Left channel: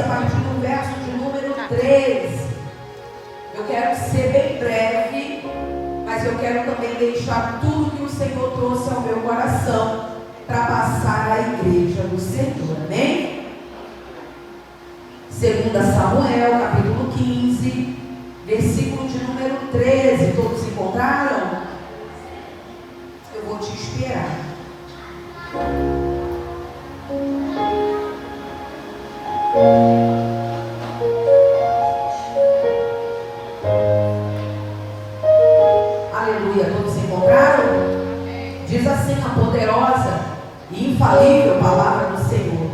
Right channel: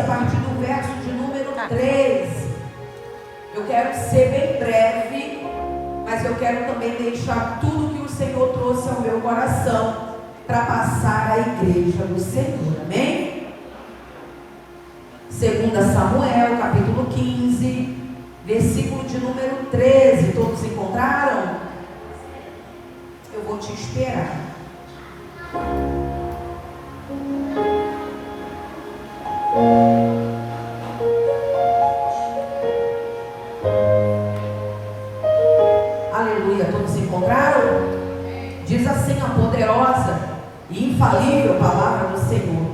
a partir do verso de número 13. Eu quero ser bem breve, mas eu quero também deixar tudo que o Senhor trouxe ao meu coração para passar à igreja do Senhor, amém? 2 Samuel, capítulo 15, versículo de número 13. Todos encontraram? Eu vou te esperar. Aleluia, todos encontraram? Diz assim a poderosa e infalível palavra do Senhor.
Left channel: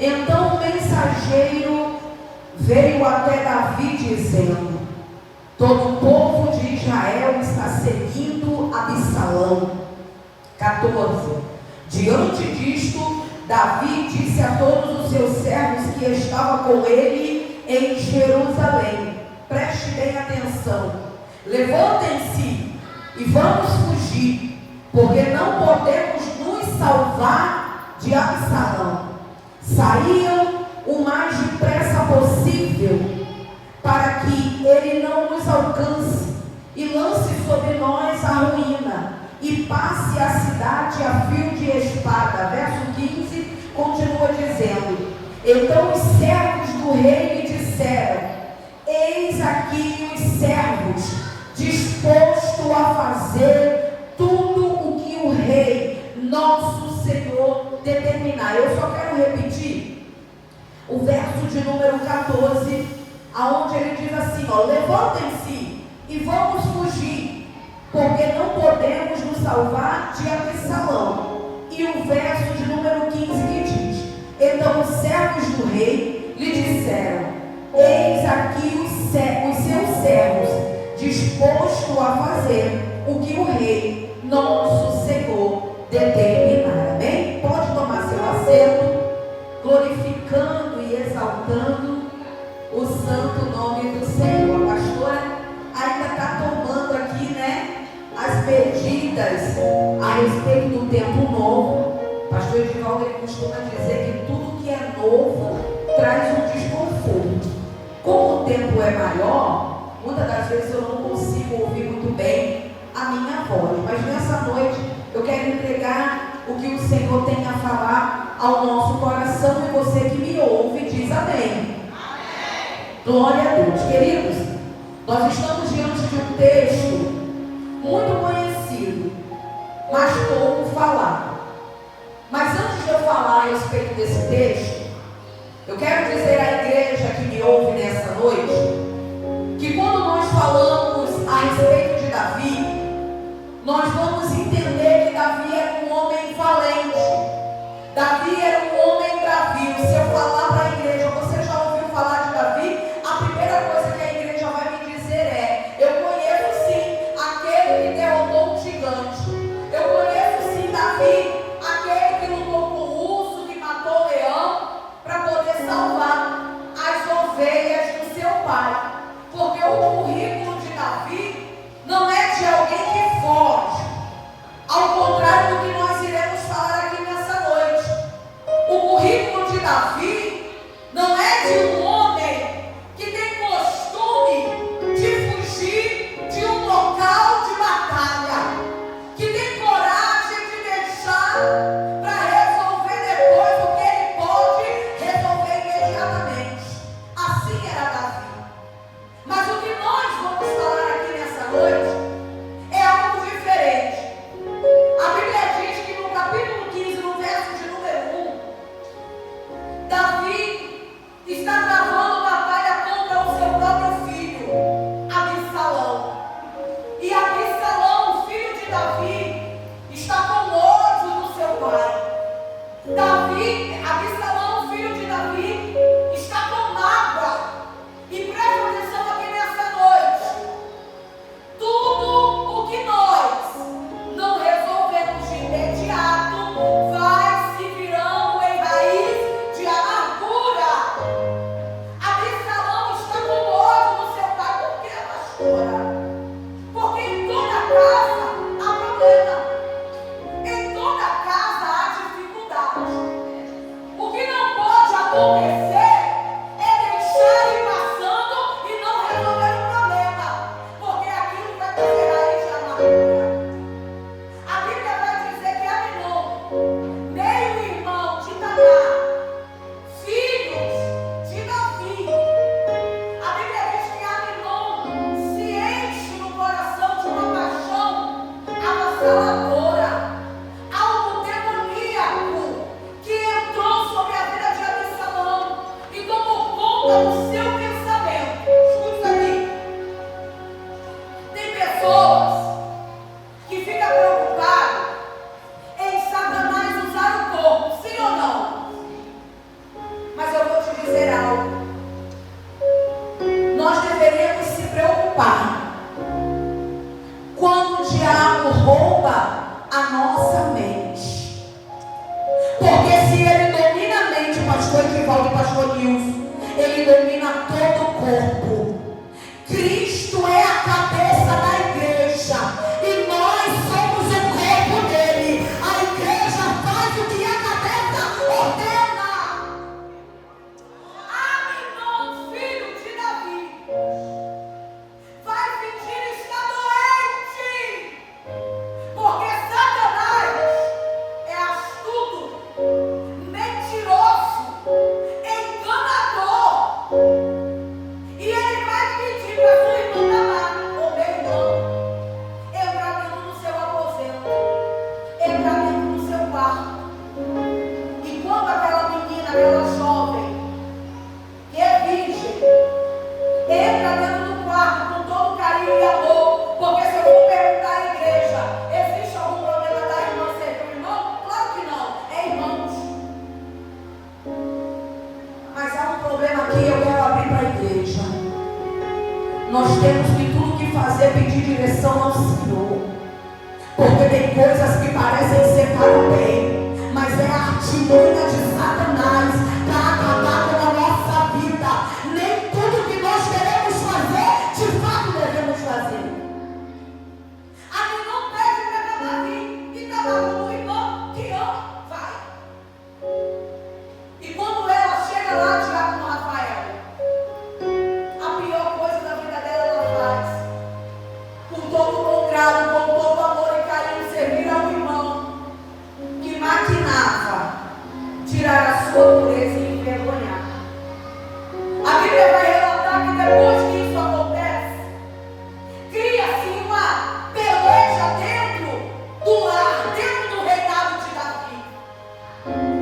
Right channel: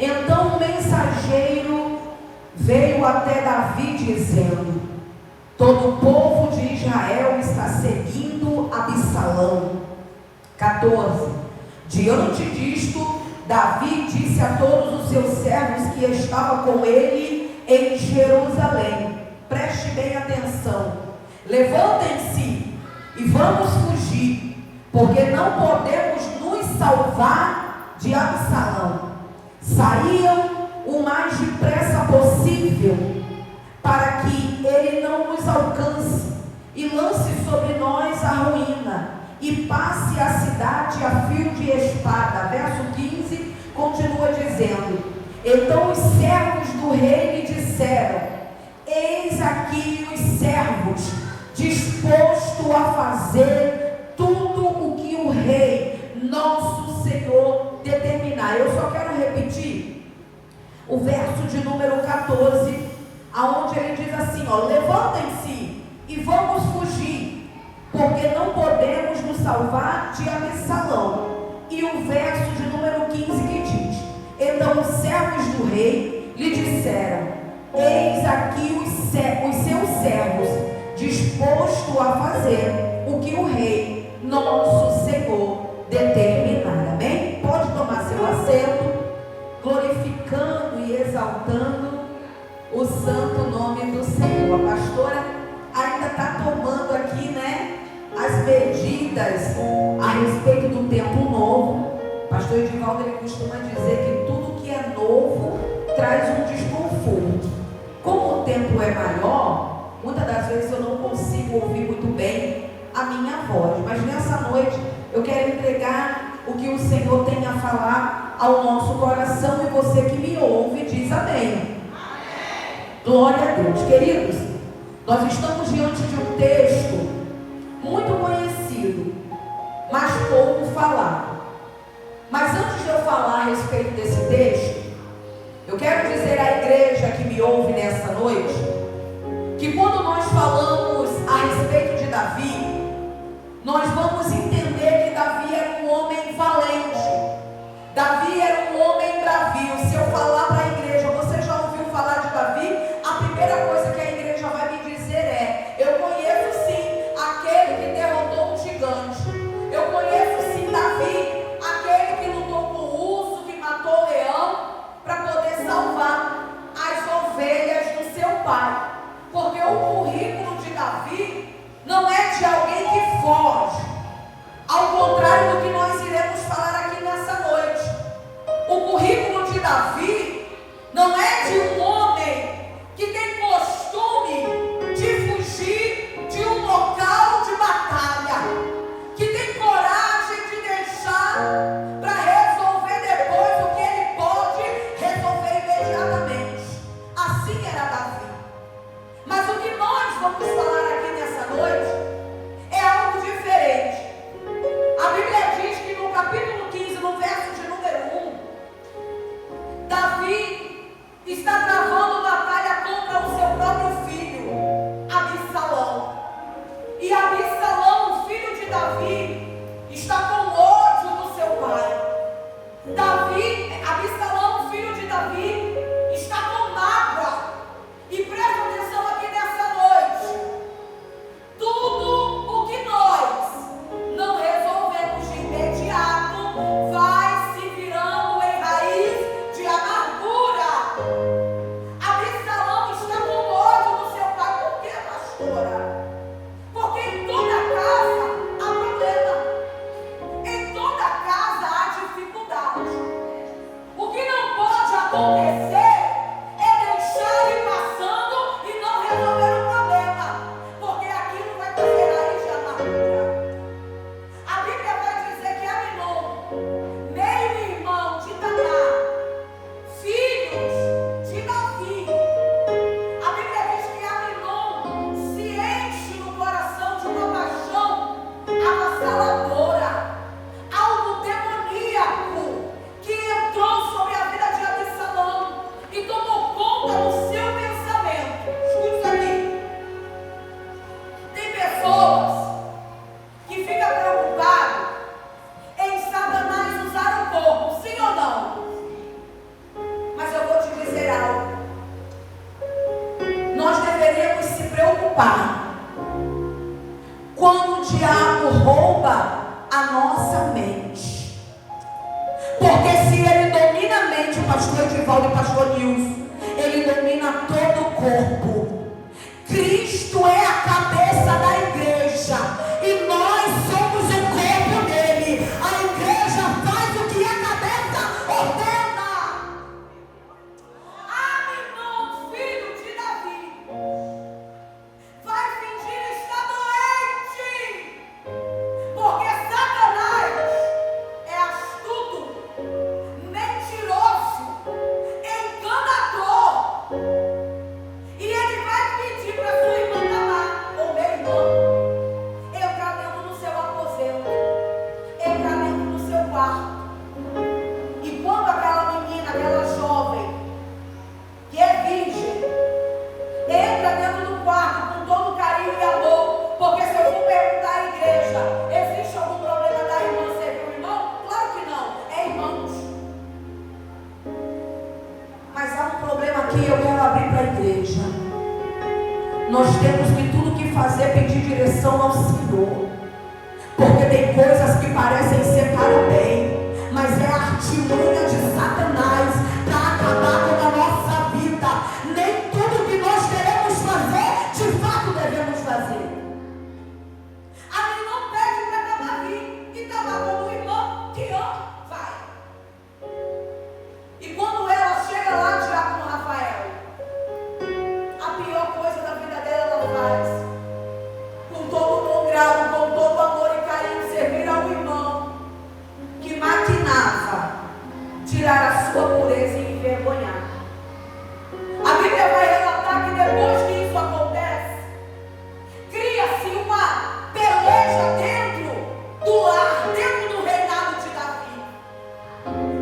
Então o mensageiro veio até Davi dizendo: todo o povo de Israel está seguindo Absalão. 14. Diante disto, Davi disse a todos os seus servos que estavam com ele em Jerusalém: preste bem atenção, levantem-se e vamos fugir, porque não podemos nos salvar de Absalão. Saia o mais depressa possível, para que ele não nos alcance e lance sobre nós a ruína, e passe a cidade a fio de espada. Verso 15 continua dizendo: então os servos do rei lhe disseram: eis aqui os servos, disposto a fazer tudo o que o rei, nosso Senhor, determinar. Eu só quero repetir o verso de número 14, aonde ele diz assim, ó: levantem-se e vamos fugir, porque não podemos nos salvar de Absalão. E o verso de número 15 que diz: então os servos do rei lhe disseram: eis aqui os seus servos, disposto a fazer o que o rei, nosso Senhor, determinar. Amém? Pode tomar seu assento, glorificando e exaltando o santo nome do Senhor. A pastora ainda está tomando aqui, né, as medidas a respeito do tempo novo. Pastor Edivaldo, ele costuma dizer que tudo que é novo traz um desconforto. Como o tempo é maior, muitas das vezes eu não consigo ouvir muito bem a minha voz, mas nessa noite eu quero entregar o que o Senhor tem a falar ao nosso coração, e você que me ouve diz amém. Glória a Deus. Queridos, nós estamos diante de um texto muito conhecido, mas pouco falado. Mas antes de eu falar a respeito desse texto, eu quero dizer à igreja que me ouve nessa noite, que quando nós falamos a respeito de Davi, nós vamos entender que Davi era um homem valente. Davi era um homem bravio. Se eu falar para a igreja: você já ouviu falar de Davi? A primeira coisa que a igreja vai me dizer é: eu conheço sim aquele que derrotou um gigante. Eu conheço sim Davi, aquele que lutou com o urso, que matou o leão, para poder salvar as ovelhas do seu pai. Porque o currículo de Davi não é de alguém que foge, ao contrário do que nós iremos falar aqui nessa noite. O currículo de Davi não é de um homem que tem costume de fugir de um local de batalha, que tem coragem de deixar para resolver depois o que ele pode resolver imediatamente. Assim era Davi. Mas o que nós vamos falar aqui nessa noite é algo diferente. A Bíblia diz que no capítulo 15, no verso de número 1, Davi está travando batalha contra o seu próprio filho, Absalão. E Absalão, o filho de Davi, está com ódio do seu pai. Absalão, o filho de Davi, está com mágoa. E presta atenção aqui nessa noite. Tudo o que nós não resolvemos de imediato vai se virando em raiz de amargura. Absalão está com ódio do seu pai. Por que, pastora? Porque em toda casa há problema. Em toda casa há dificuldade. O que não pode acontecer conta o seu pensamento. Escuta isso aqui. Tem pessoas que ficam preocupadas em Satanás usar o corpo, sim ou não? Mas eu vou te dizer algo. Nós deveríamos se preocupar quando o diabo rouba a nossa mente. Porque se ele domina a mente, o pastor Edivaldo e o pastor Nilson, ele domina todo o corpo. Cristo é a cabeça da igreja e nós somos o corpo dele. A igreja faz o que a cabeça ordena. Aminon, filho de Davi, vai fingir estar doente, porque Satanás é astuto, mentiroso, enganador. E ele vai pedir para sua irmã Tamar, ou meu irmão, entrar dentro do seu aposento, entrar dentro do seu quarto. E quando aquela menina, aquela jovem, que é virgem, entra dentro do quarto com todo carinho e amor, porque se eu for perguntar à igreja, existe algum problema da irmã ser um irmão? Claro que não, é irmãos. Mas há um problema aqui, eu quero abrir para a igreja. Nós temos que tudo que fazer pedir direção ao Senhor, porque tem coisas que parecem ser para o bem, mas é a artimanha de Satanás para acabar com a nossa vida. Nem tudo que nós queremos fazer, de fato devemos fazer. A mim não pede para Tamar vir, e Tamar como irmã que ama, vai. E quando ela chega lá, Diácono Rafael, a pior coisa da vida dela ela faz, com todo o bom grado, com todo o amor e carinho, servir ao irmão que maquinava tirar a sua pureza e envergonhar. A Bíblia vai relatar que depois que isso acontece, cria-se uma peleja dentro do lar, dentro do reinado de Davi.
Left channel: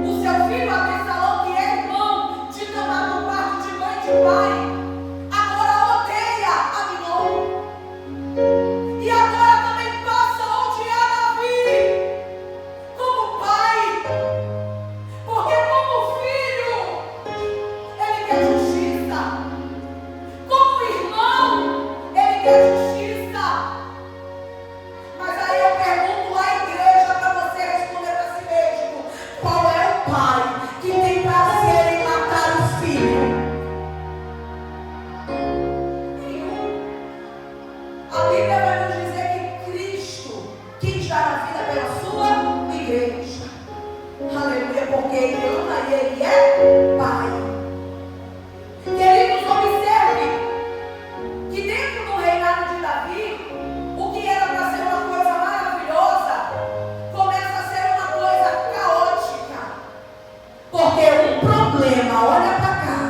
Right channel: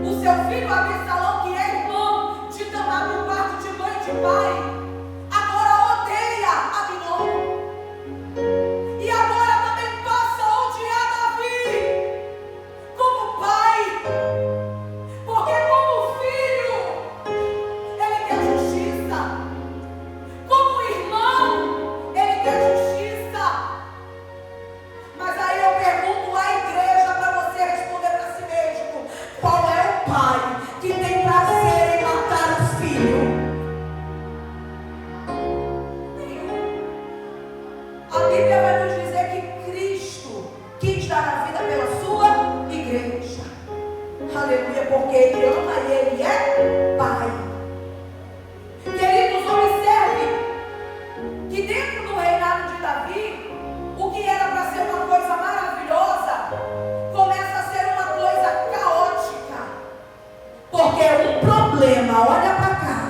O seu filho Absalão, que é irmão de Tamar no quarto de mãe e de pai, agora odeia Aminon. E agora também passa a odiar Davi como pai. Porque como filho, ele quer justiça. Como irmão, ele quer justiça. Mas aí eu pergunto à igreja para você responder para si mesmo: qual é o pai que tem prazer em matar o filho? Nenhum. A Bíblia vai nos dizer que Cristo quis dar a vida pela sua igreja. Aleluia, porque Ele ama e Ele é Pai. Queridos, observe que dentro do reinado de Davi, o que era para ser uma coisa maravilhosa, começa a ser uma coisa caótica. Porque um problema, olha para cá,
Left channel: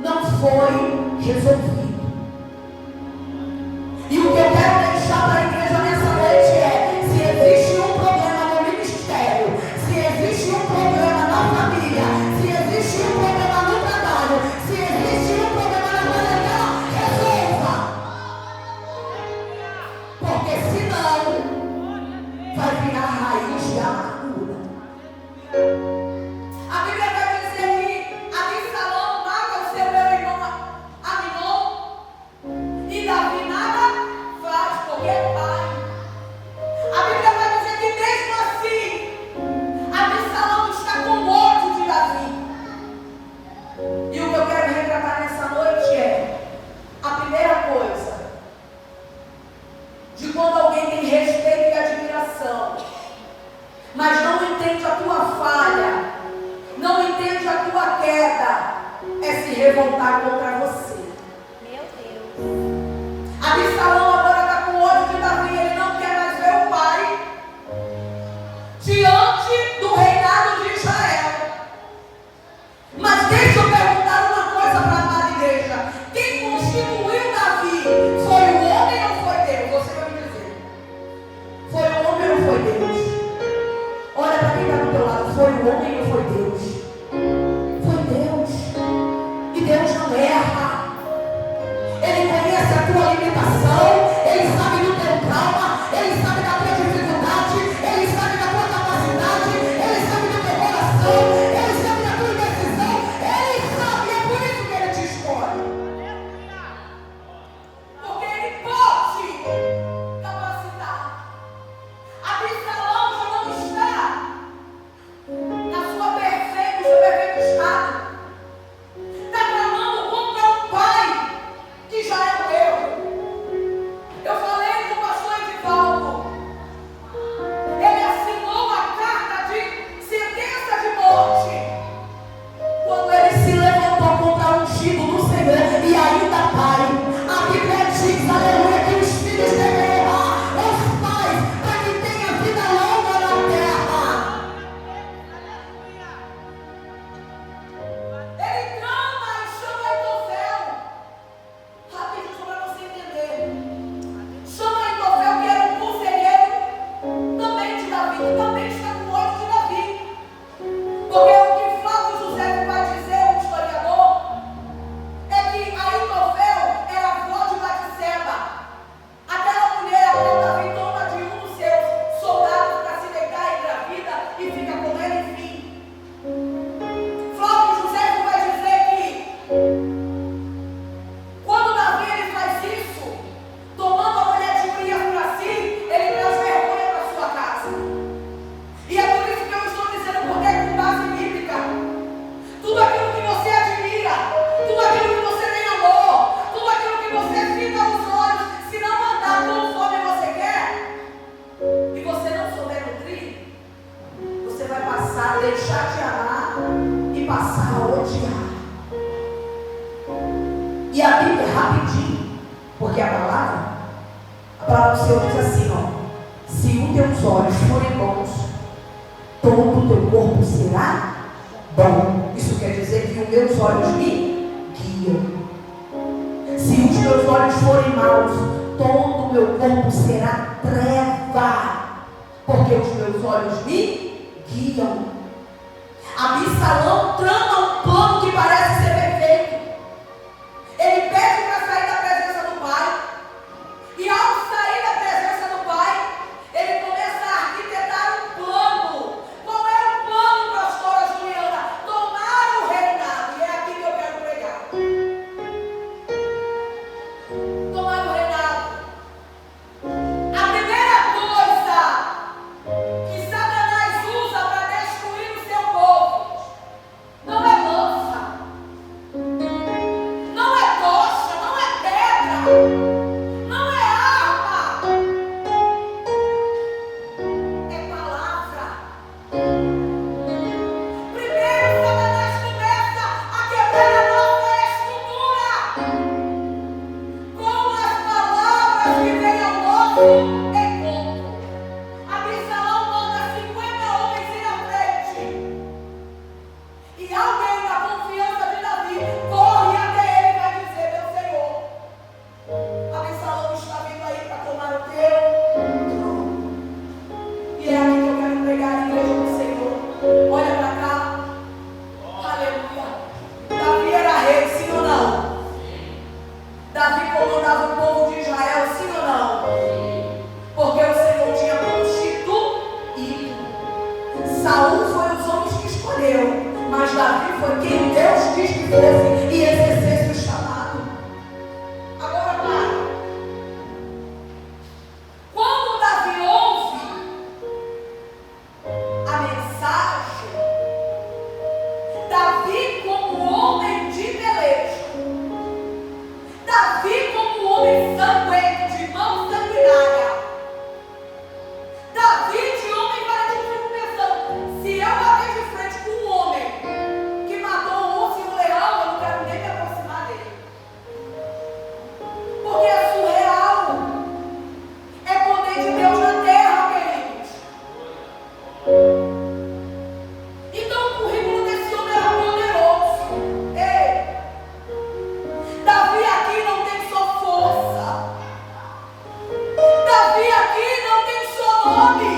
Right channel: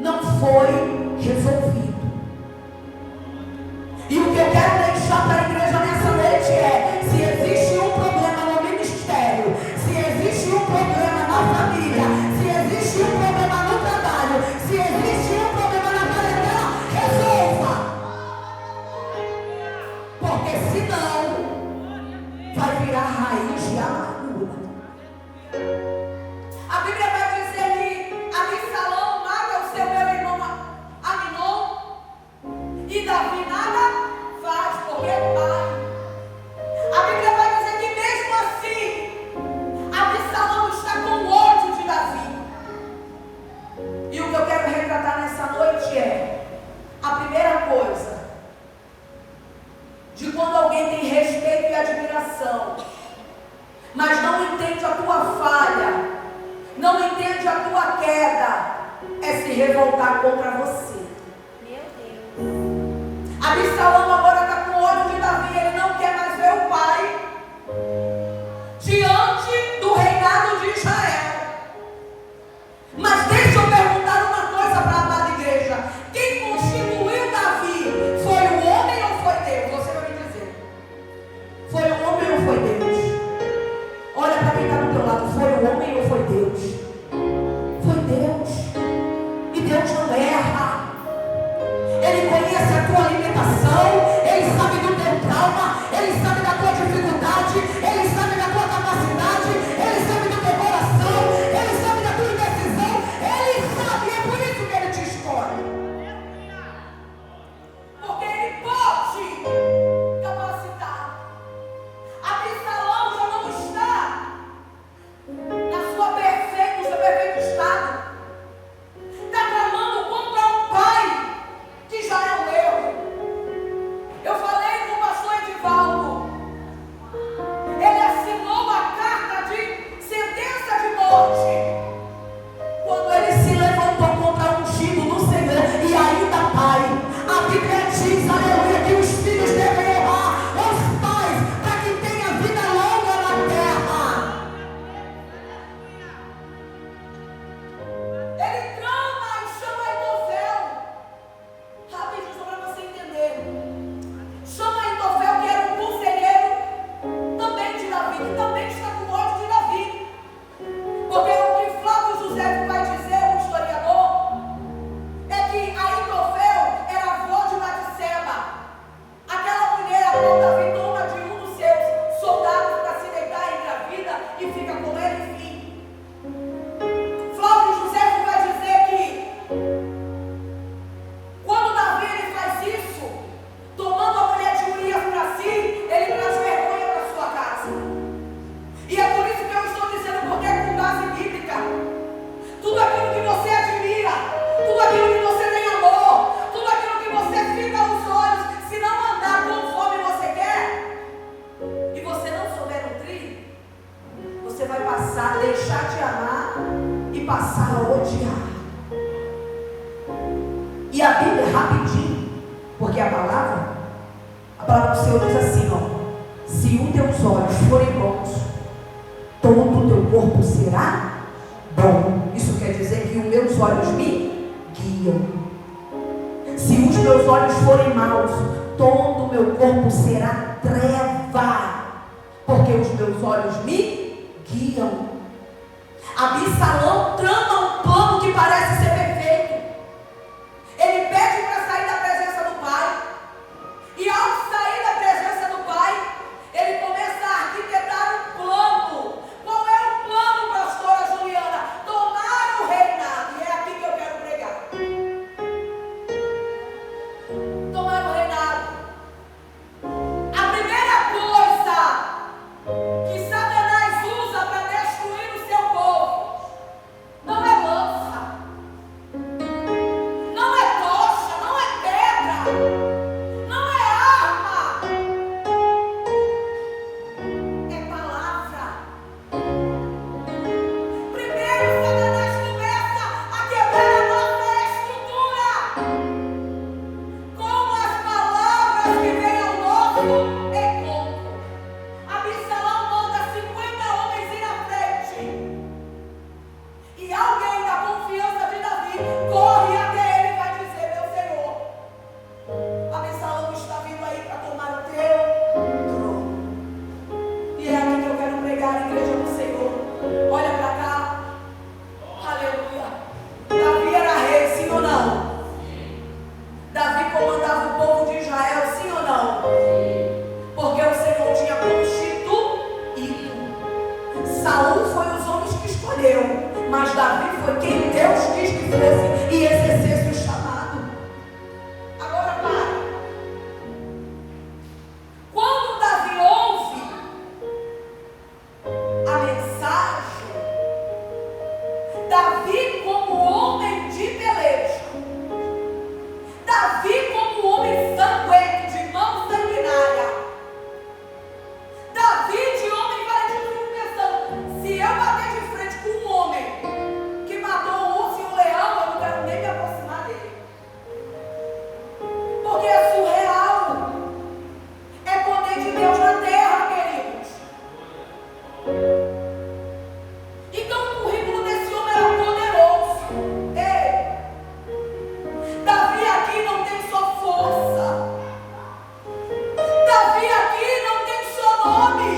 não foi resolvido. E o que eu quero deixar para a igreja nessa noite é: se existe um problema no ministério, se existe um problema na família, se existe um problema no trabalho, se existe um problema na carreira, resolva. Porque senão vai virar raiz de amargura. A Bíblia vai dizer que Absalão mata o seu irmão Aminon e Davi nada faz, porque é pai. A Bíblia vai dizer que mesmo assim Absalão está com ódio de Davi. E o que eu quero retratar nessa noite é a primeira coisa de quando alguém tem respeito e admiração, mas não entende a tua falha, não entende a tua queda, é se revoltar contra você. Meu Deus. Absalão agora está com ódio de Davi, ele não quer mais ver o pai diante do reinado de Israel. Mas deixa eu perguntar uma coisa para a amada igreja: quem constituiu Davi foi o homem ou foi Deus? Você vai me dizer. Foi o homem ou foi Deus? Olha para quem está do teu lado: foi o homem ou foi Deus? Foi Deus. E Deus passar a odiar. E a Bíblia é rapidinho, porque a palavra do Senhor diz assim, ó: se os teus olhos forem bons, todo o teu corpo será bom. Isso quer dizer que os meus olhos me guiam. Se os meus olhos forem maus, todo o meu corpo será treva, porque os meus olhos me guiam. Absalão trama um plano que parece ser perfeito. Ele pede para sair da presença do pai, e ao sair da presença do pai, ele começa a arquitetar um plano. Qual é o plano, pastora Juliana? Tomar o reinado. E é aqui que eu quero pregar. Tomar o reinado. A primeira coisa que Satanás usa para destruir o seu povo não é lança, não é tocha, não é pedra, não é arma, é palavra. Primeiro Satanás começa a quebrar a nossa estrutura com as palavras que vêm ao nosso encontro. Absalão manda 50 homens ir à frente. E alguém da confiança de Davi corre até ele e vai dizer: meu Senhor, Absalão está vindo aí para tomar o teu trono. E é aqui que eu quero pregar a igreja do Senhor. Olha para cá. Aleluia. Davi era rei, sim ou não? Davi comandava o povo de Israel, sim ou não? Porque o Senhor tinha constituído. Saul foi os homens que escolheu, mas Davi foi quem Deus quis que fosse e exercesse o chamado. Agora para. Quando Davi ouve a mensagem, Davi como homem de peleja, Davi como homem sanguíneo, de mão sanguinária, Davi de homem valente, fico pensando: se eu bater de frente com um homem que matou um urso e um leão, eu não quero nem me aproximar dele. Porque é surreal. É poder de Deus na terra, queridos. Então o currículo desse homem era poderoso. Ei, Davi aqui não tem só força. Davi aqui não tem só nome,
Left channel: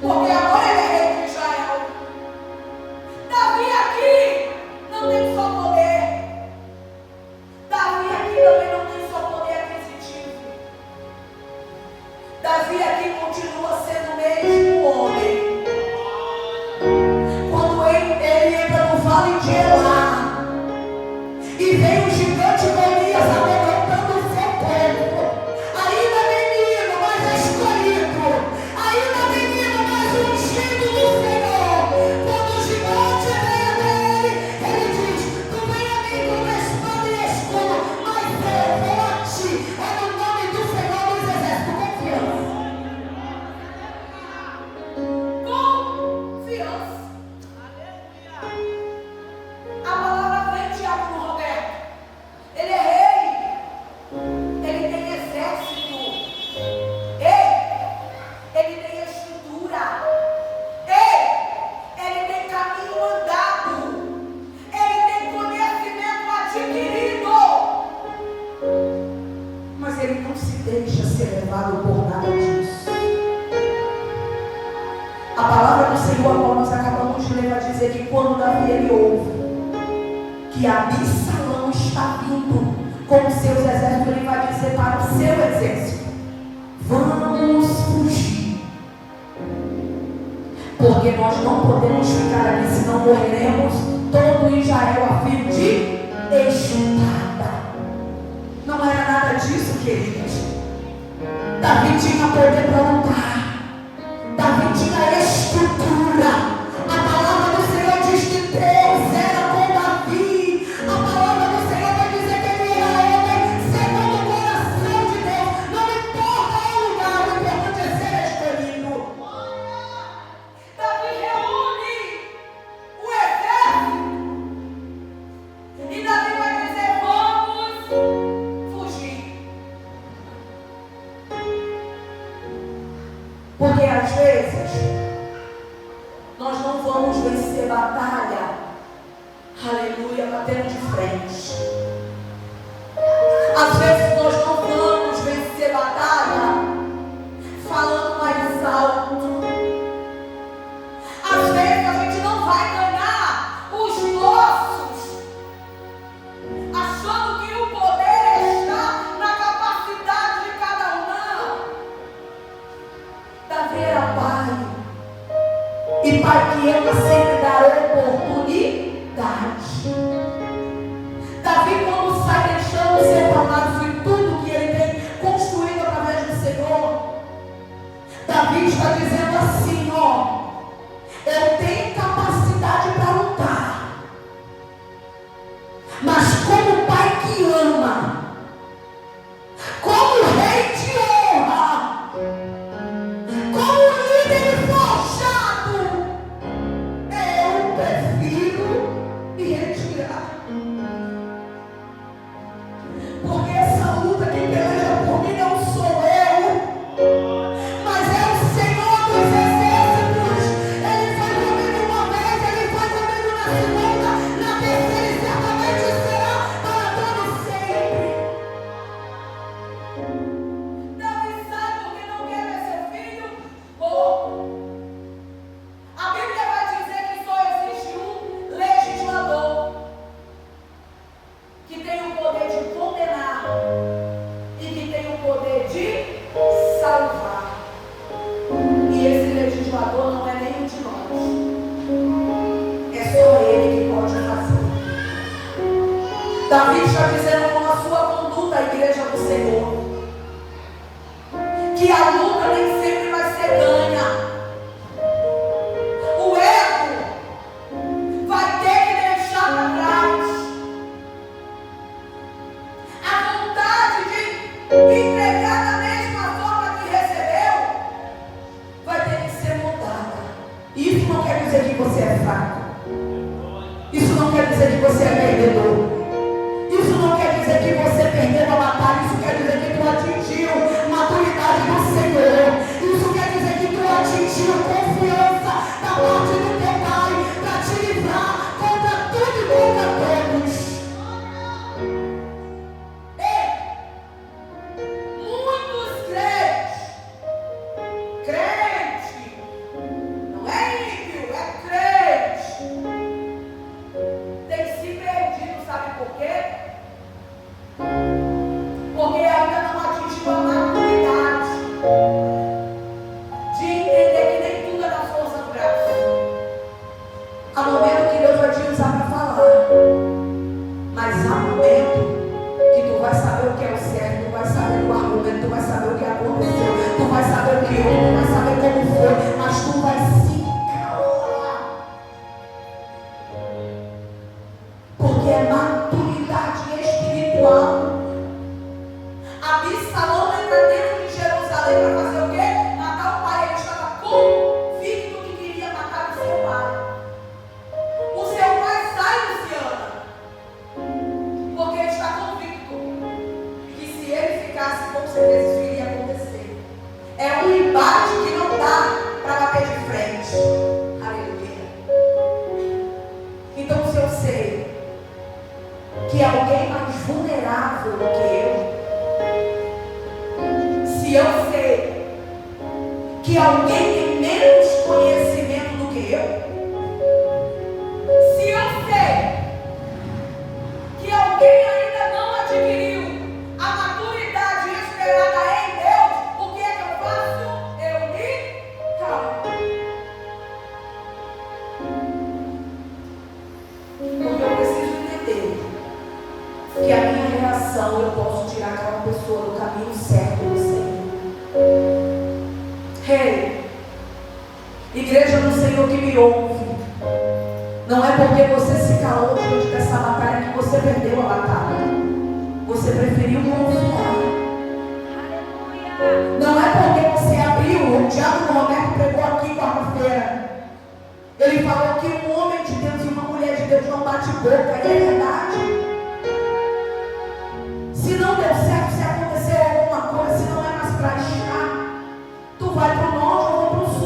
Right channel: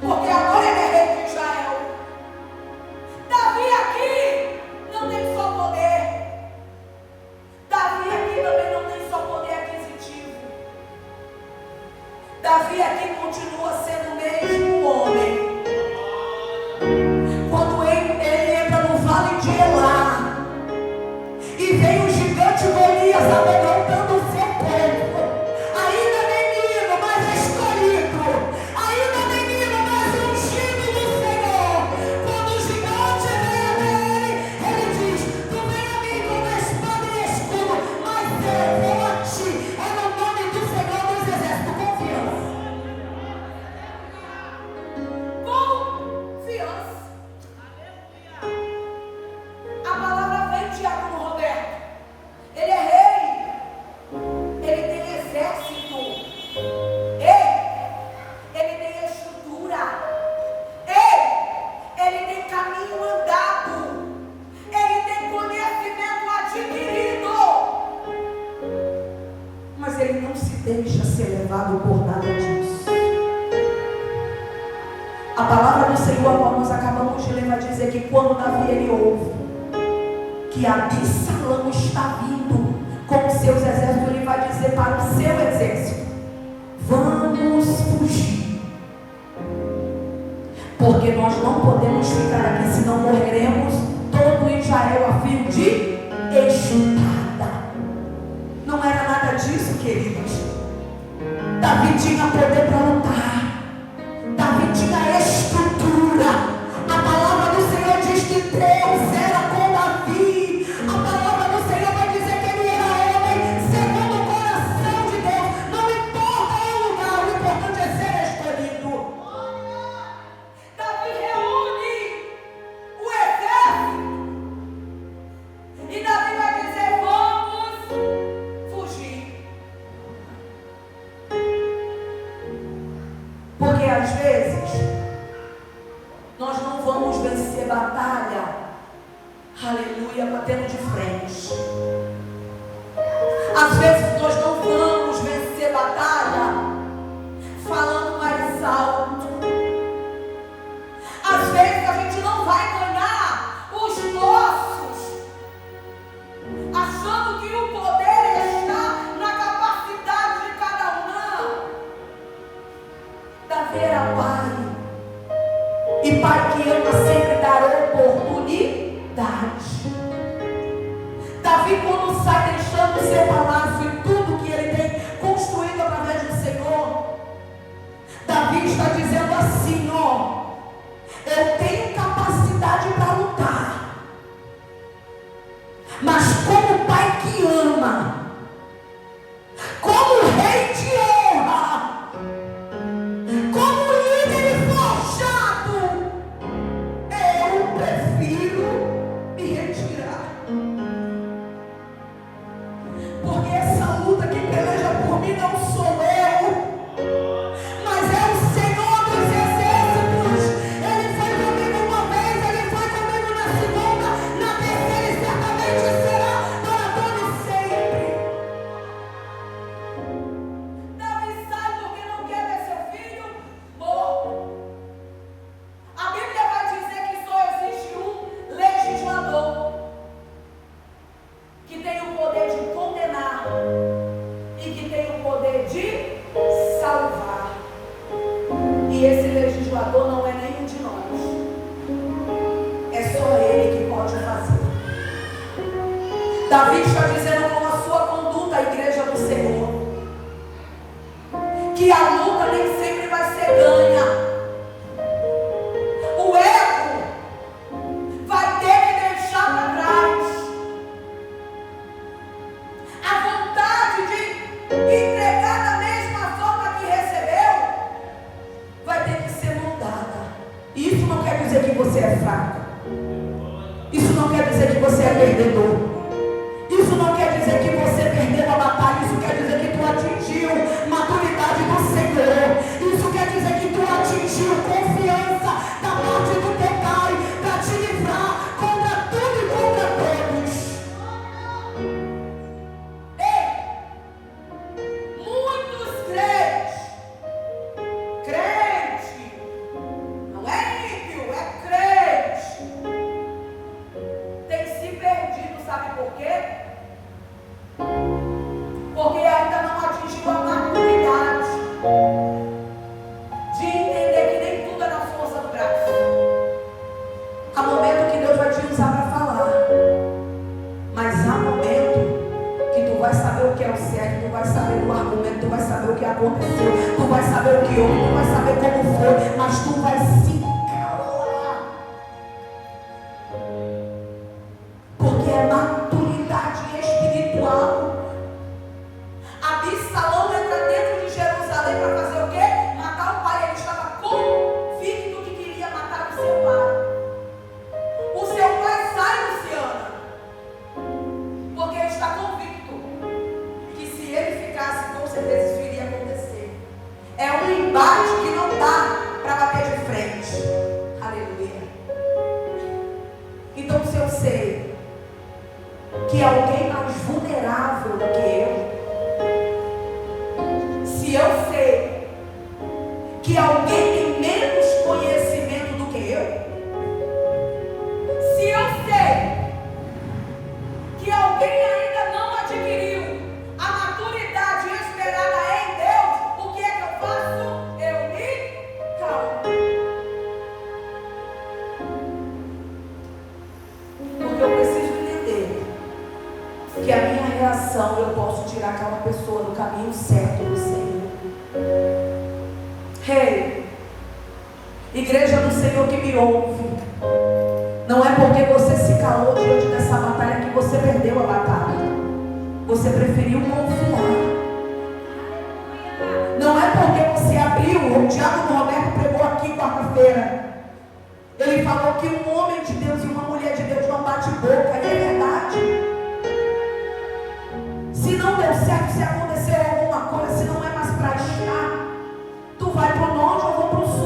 porque agora ele é rei de Israel. Davi aqui não tem só poder. Davi aqui também não tem só poder aquisitivo. Davi aqui continua sendo o mesmo homem. Quando ele entra no vale de Elá e vem um gigante Golias amedrontando o seu povo, ainda menino, mas escolhido, ainda menino, mas ungido do Senhor, quando o gigante vem até ele diz: não vem a mim com espada e escudo, mas eu vou a ti, é no nome do Senhor dos Exércitos. Confiança. A palavra vem de Diácono Roberto. Ele é rei. Ele tem exército. Ele tem estrutura. Ele tem caminho andado. Ele tem conhecimento adquirido. Mas ele não se deixa ser levado por nada disso. A palavra do Senhor, como nós acabamos de ler, vai dizer que quando Davi ele ouve que Absalão está vindo com seus exércitos, ele vai dizer para o seu exército: vamos fugir, porque nós não podemos ficar aqui, senão morreremos todo Israel a fio de espada. Não era nada disso, queridos. Davi tinha poder para lutar. Davi tinha estrutura. A palavra do Senhor diz que Deus era com Davi. A palavra do Senhor vai dizer que ele era homem segundo o coração de Deus. Não importa o lugar, o importante é ser escolhido. Davi reúne o exército às vezes, nós não vamos vencer batalha, aleluia, batendo de frente. Às vezes nós não vamos vencer batalha falando mais alto. Às vezes a gente não vai ganhar os nossos achando que o poder está na capacidade de cada um. Não. Davi era pai, e pai que ama sempre dá oportunidade. Davi, quando sai deixando o seu palácio e tudo que ele tem construído através do Senhor, Davi está dizendo assim, ó: eu tenho capacidade para lutar, mas como pai que ama, como rei de honra, como líder forjado, eu prefiro me retirar. Porque essa luta que peleja por mim não sou eu, mas é o Senhor dos exércitos. Ele foi comigo uma vez, ele foi comigo na segunda, na terceira e certamente será para todo sempre. Davi sabe porque não quer ver seu filho morto. A Bíblia vai dizer que só existe um legislador que tem o poder de condenar e que tem o poder de salvar. E esse legislador não é nenhum de nós. É só ele que pode fazer. Davi está dizendo com a sua conduta à igreja do Senhor que a luta nem sempre vai ser ganha. O ego vai ter que deixar para trás. A vontade de entregar da mesma forma que recebeu vai ter que ser mudada. Isso não quer dizer que você é fraco. Isso não quer dizer que você é perdedor. Isso não quer dizer que você perdeu a batalha. Isso quer dizer que tu atingiu maturidade do Senhor. Isso quer dizer que tu atingiu confiança da parte do teu Pai para te livrar contra tudo e contra todos. Muitos crente, não é ímpio, é crente, tem se perdido, sabe por quê? Porque ainda não atingiu a maturidade de entender que nem tudo é na força do braço. Há momento que Deus vai te usar para falar, mas há momento que tu vai saber o que é o certo, tu vai saber do argumento, tu vai saber o que aconteceu, tu vai saber o que houve, tu vai saber como foi, mas tu vai se calar. Porque é maturidade espiritual. Absalão entra dentro de Jerusalém para fazer o quê? Matar o pai. Ele estava convicto que queria matar o seu pai. O seu pai sai, Luciana, porque ele está convicto que se ele ficasse, com certeza isso iria acontecer. É um embate que não dá para bater de frente. Aleluia. Então, se eu sei que alguém mais vulnerável do que eu, se eu sei que alguém tem menos conhecimento do que eu, se eu sei que alguém ainda não adquiriu a maturidade esperada em Deus, o que é que eu faço? Eu me calo. Porque eu preciso entender que a minha reação eu posso tirar aquela pessoa do caminho certo do Senhor. Rei, igreja do Senhor que me ouve, não é porque você se calou diante dessa batalha que você perdeu a batalha. Você preferiu confiar. Não é porque você abriu, o Diácono Roberto pregou aqui quarta-feira. Ele falou que um homem de Deus e uma mulher de Deus não bate boca, e é verdade. Se não deu certo, se acontecer alguma coisa, se não é mais para achar, tu vai para o norte ou vou para o sul.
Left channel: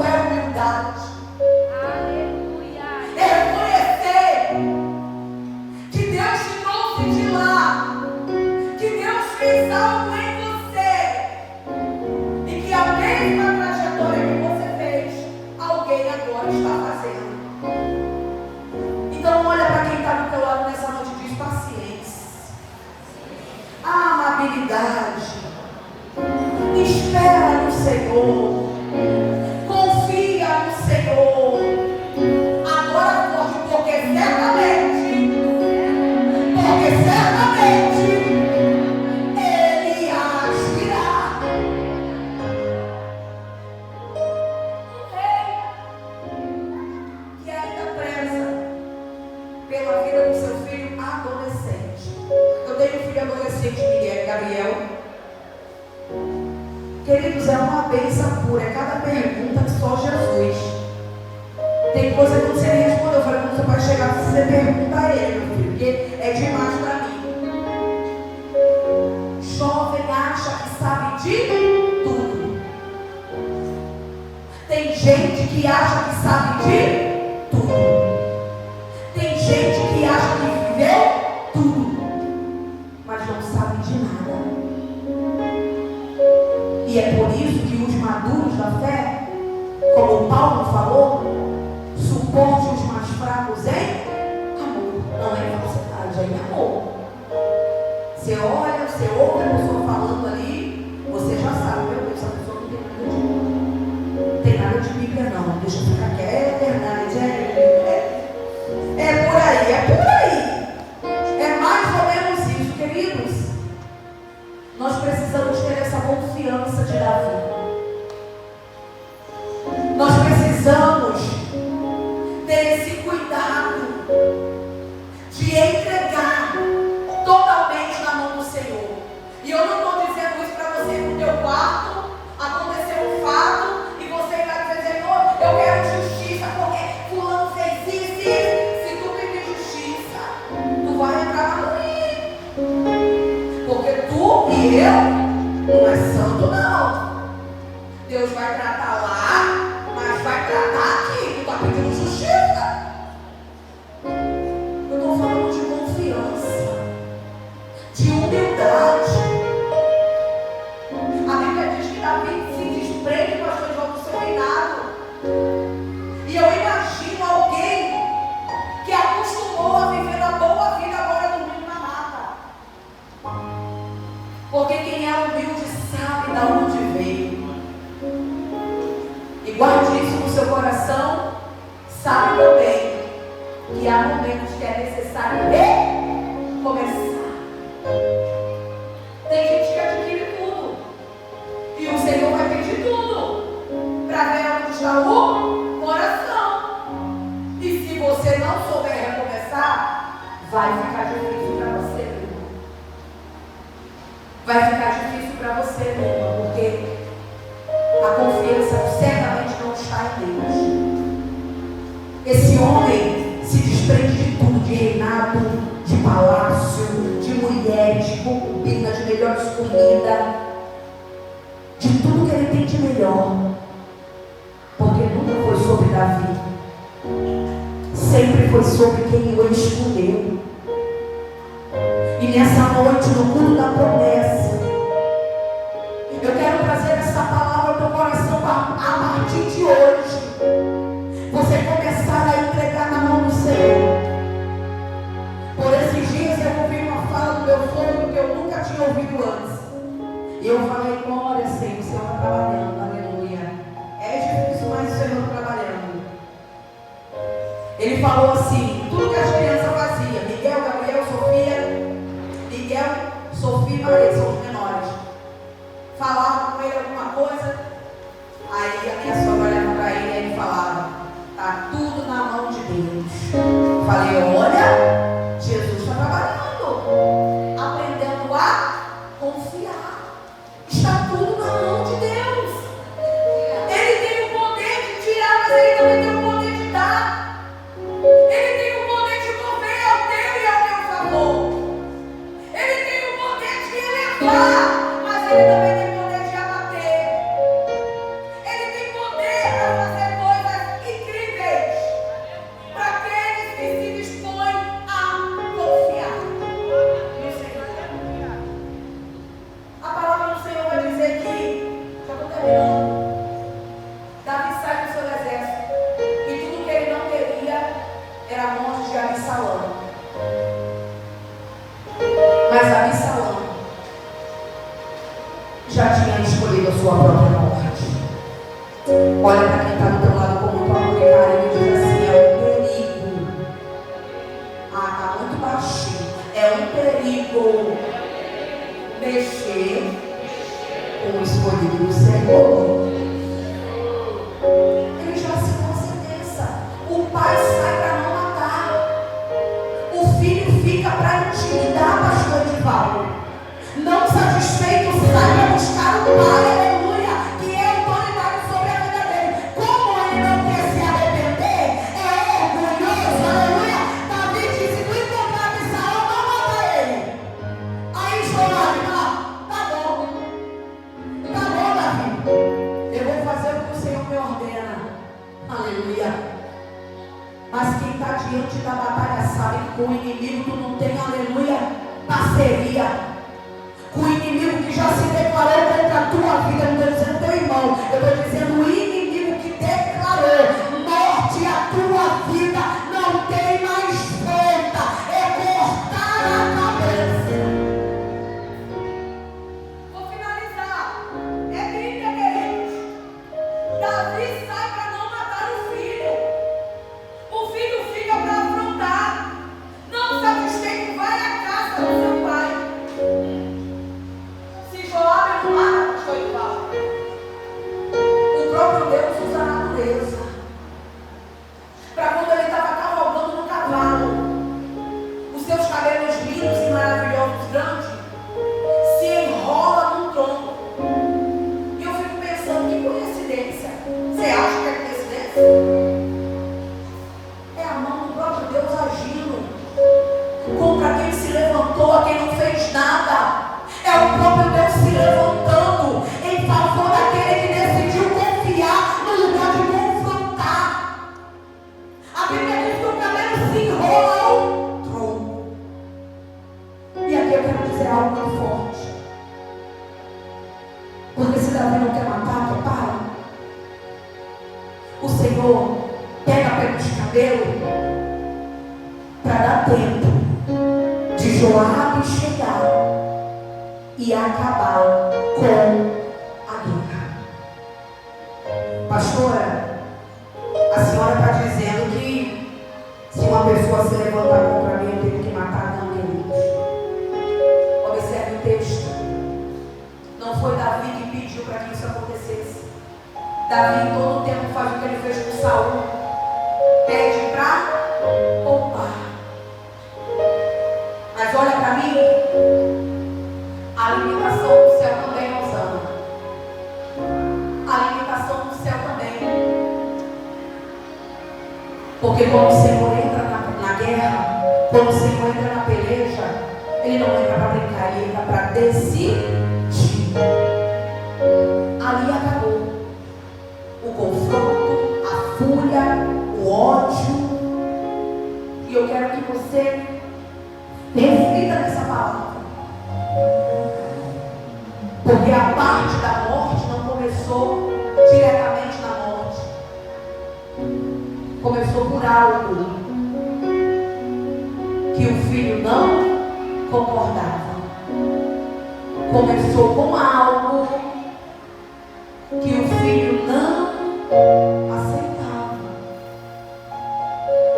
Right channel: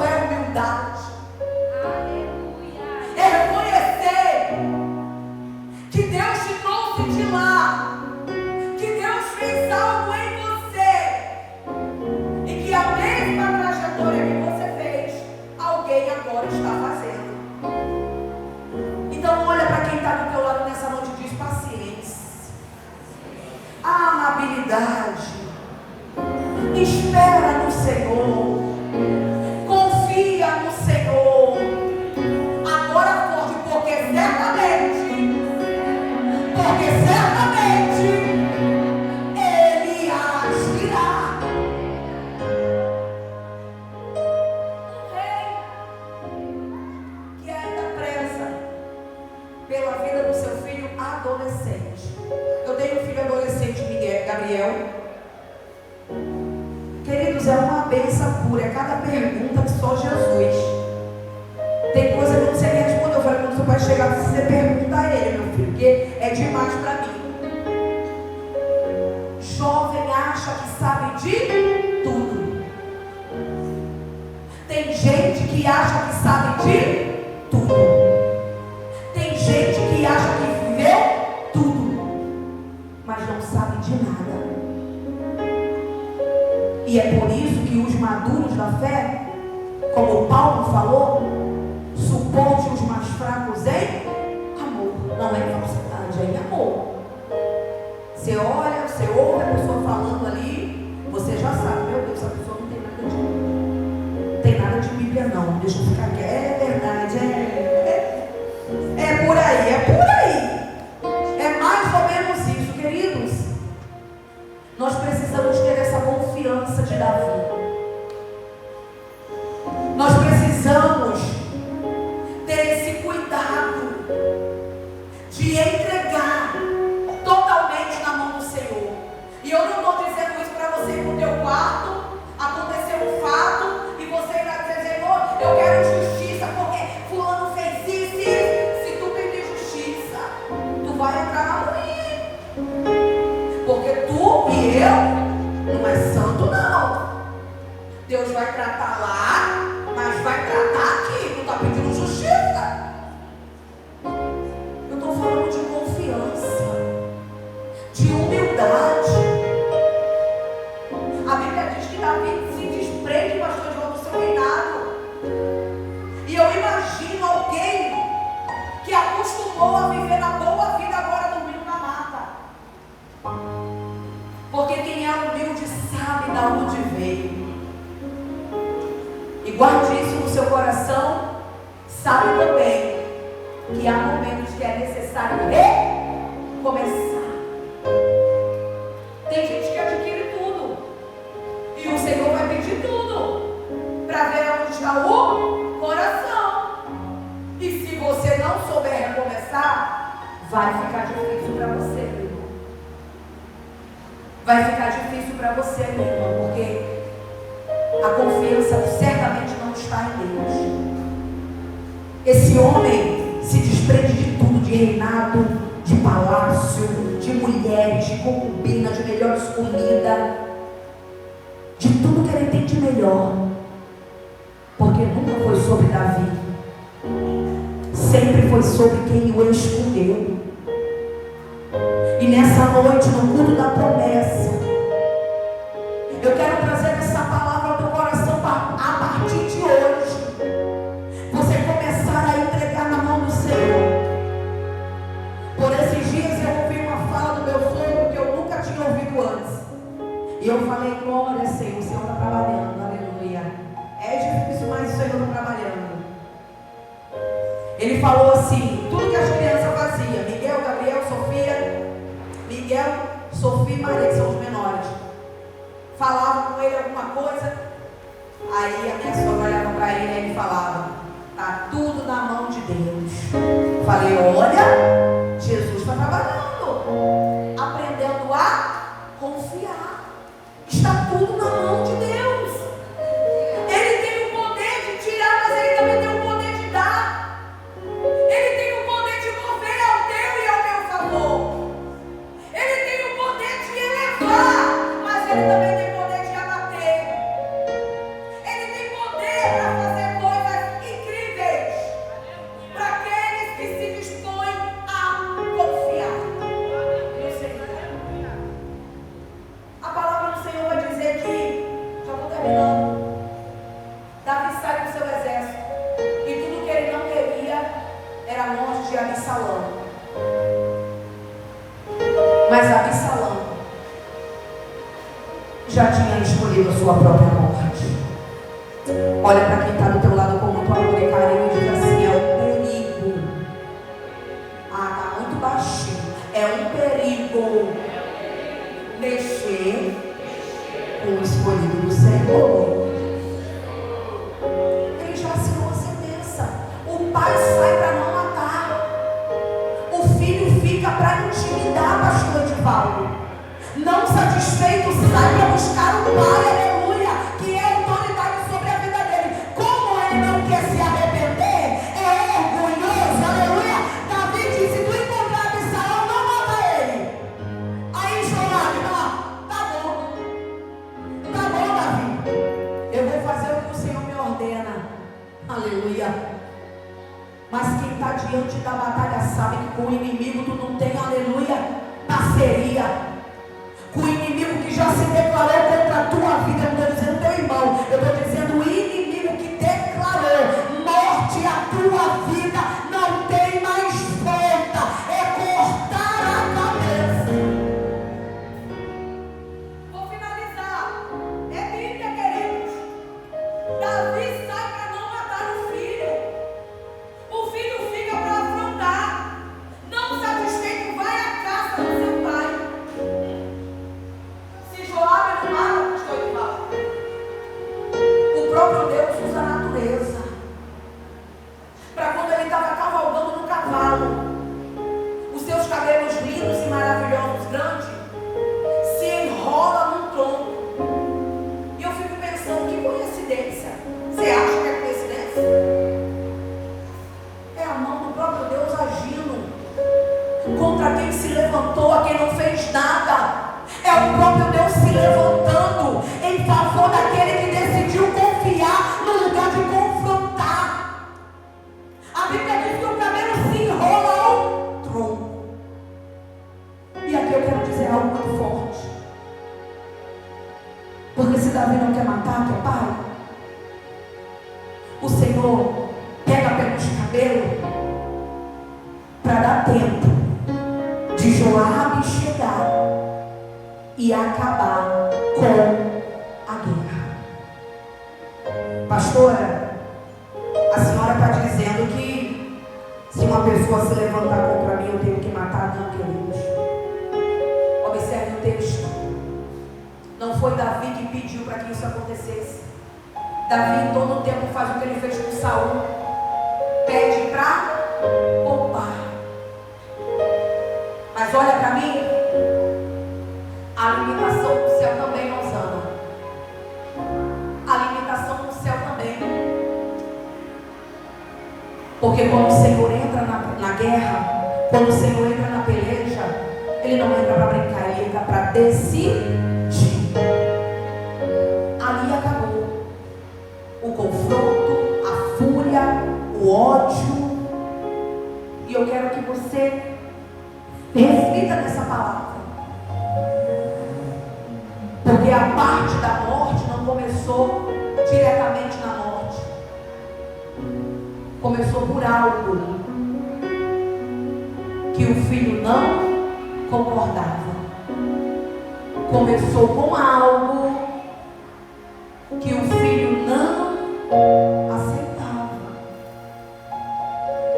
Isso é humildade. Aleluia. Reconhecer que Deus te trouxe de lá, que Deus fez algo em você e que a mesma trajetória que você fez, alguém agora está fazendo. Então olha para quem está do teu lado nessa noite e diz: paciência, amabilidade, espera no Senhor, confia no Senhor. Agora pode, porque certamente Ele agirá. Um rei que ainda preza pela vida do seu filho adolescente. Eu tenho um filho adolescente, Gabriel. Queridos, é uma bênção pura. É cada pergunta que só Jesus. Tem coisa que eu não sei nem responder. Eu falei, quando seu pai chegar, você pergunta a ele, meu filho, porque é demais para mim. Jovem acha que sabe de tudo. Tem gente que acha que sabe de tudo. Tem gente que acha que viveu tudo, mas não sabe de nada. E é por isso que os maduros da fé, como Paulo falou, suporte os mais fracos em amor. Não é falsidade, é amor. Você olha, você ouve a pessoa falando ali, você já sabe, meu Deus, essa pessoa não tem nada de Bíblia não, deixa eu ficar quieto, é verdade, é por aí, é por aí. É mais ou menos isso, queridos. Nós precisamos ter essa confiança de Davi. Nós precisamos ter esse cuidado de entregar totalmente na mão do Senhor. E eu não estou dizendo isso para você ir no teu quarto, acontecer um fato, e você vai dizer: Senhor, eu quero justiça, porque fulano fez isso e isso. Se tu pedir justiça, tu vai entrar ali. Porque tu e eu não é santo não. Deus vai tratar lá, mas vai tratar aqui. Tu está pedindo justiça. Eu estou falando de confiança, de humildade. A Bíblia diz que Davi se desprende bastante do seu reinado. E eu imagino alguém que acostumou a viver a boa vida agora dormindo na mata. Porque quem é humilde sabe de onde veio. E guarde isso no seu coração. Sabe também que há momentos que é necessário recomeçar. Tem gente que adquire tudo, e o Senhor vai pedir tudo para ver onde está o coração. E se você não souber recomeçar, vai ficar difícil para você, meu irmão. Vai ficar difícil para você, meu irmão, porque a confiança certamente não está em Deus. Esse homem se desprende de tudo, de reinado, de palácio, de mulheres, de concubina, de melhores comidas, de tudo que ele tem de melhor, porque nunca foi sobre Davi, sempre foi sobre quem o escolheu. E nessa noite, no culto da promessa, eu quero trazer essa palavra ao teu coração a partir de hoje. Você começar a entregar na mão do Senhor. Por esses dias eu ouvi uma fala do meu sogro que eu nunca tinha ouvido antes. E eu falei: glória, Senhor, o Senhor está trabalhando, aleluia. É difícil, mas o Senhor está trabalhando. Ele falou assim: tudo que as crianças faziam, Miguel, Gabriel, Sofia e Maria, que são os menores, falavam com ele alguma coisa, aí a minha sogra olhava para ele e ele falava: está tudo na mão de Deus. Falei: olha, Jesus está trabalhando, aprendendo a confiar. Está tudo na mão de Deus. Ele tem o poder de tirar, mas ele também tem o poder de dar. Ele tem o poder de mover ao teu e ao meu favor. Ele tem o poder de elevar, mas ele também tem o poder de abater. Ele tem poder para fazer terminando. Davi sai do seu exército. E tudo que ele não queria era a morte de Absalão. Mas Absalão já tinha escolhido a sua própria morte. Olha para quem está do teu lado com muito amor e carinho e diz assim: é um perigo. Ah, está muito baixinho. É um perigo mexer com o escolhido do Senhor. Ele já assinou a sentença. O pai sai para não matar. O filho fica para intimidar, pastor de Paulo. Não satisfeito, sai para buscar o pai, aleluia, que é autoridade sobre a vida dele. Como ele não quer se arrepender, é orgulhoso, aleluia. Davi disse: se tu encontrar Absalão, não mata ele. Aí Joabe, tá bom, Davi, eu vou fazer o que o Senhor me ordena, aleluia. Mas quem está diante da batalha sabe que com o inimigo tu não tem, aleluia, parceria. O inimigo que já se declarou contra a tua vida, eu não estou dizendo teu irmão, eu estou dizendo o inimigo que declarou morte à tua vida, não tem mais volta, é cortar a cabeça. Vou finalizar. É Bíblia, queridos. Davi sai para não matar o filho. O filho fica para afrontar. Não satisfeito, vai à casa do seu pai. Joabe não mata, pastor de Paulo. O próprio Deus usa a natureza. Para quando ele estava cavalgando no cavalo, os seus cabelos lindos e maravilhosos, grandes, se enrola num tronco. E eu fico pensando, que coincidência. Você acha que é coincidência? É a mão do próprio Deus agindo contra quem se levantou, a quem não fez nada. É o próprio Deus se levantando em favor daquele que decidiu confiar no lugar de confrontar. A Bíblia diz que o cabelo se enrola ao tronco. E aqui eu quero dizer algo muito forte. Porque se Davi não quer matar teu pai, o Senhor pega pelos cabelos para dar tempo de Joabe chegar e acabar com a guerra. Pastora, a senhora está dizendo que se uma pessoa se levantar contra mim, eu tenho que matar? Não, queridos. Observe o texto. Não foi Davi que pediu para que isso acontecesse. Davi em todo o tempo faz o que ele fez com Saul. Pede para poupar. Mas olha para mim. A limitação do céu também, Rosana. A limitação do céu também. Porque quando o Senhor entra na guerra, quando o Senhor entra na peleja, Ele não entra para brincar, Ele entra para decidir. Ali acabou o confronto, a fúria, o ódio. E eu quero que você reflita nessa palavra. Porque a parte da morte não começou diretamente na morte. Começou por algo que o filho não concordava. Começou com algo que o filho não aceitava.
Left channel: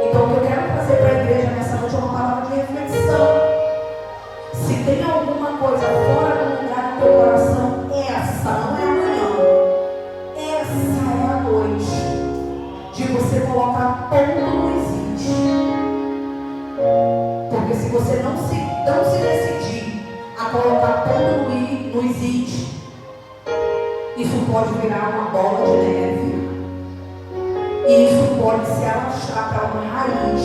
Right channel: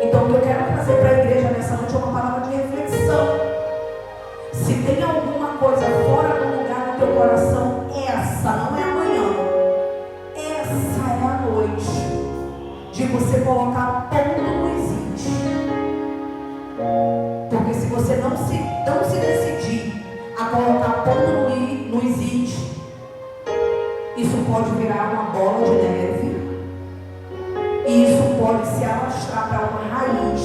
Então o que eu quero trazer para a igreja nessa noite é uma palavra de reflexão. Se tem alguma coisa fora do lugar do teu coração, essa não é amanhã, essa é a noite de você colocar ponto no existe. Porque se você não se decidir a colocar ponto no existe, isso pode virar uma bola de neve e isso pode se alastrar para uma raiz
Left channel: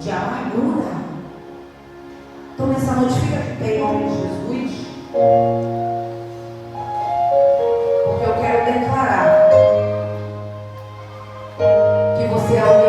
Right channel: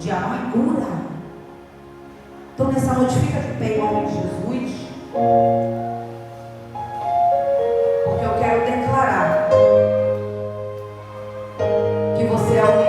de amargura. Então nessa noite fica de pé em nome de Jesus, porque eu quero declarar que você é o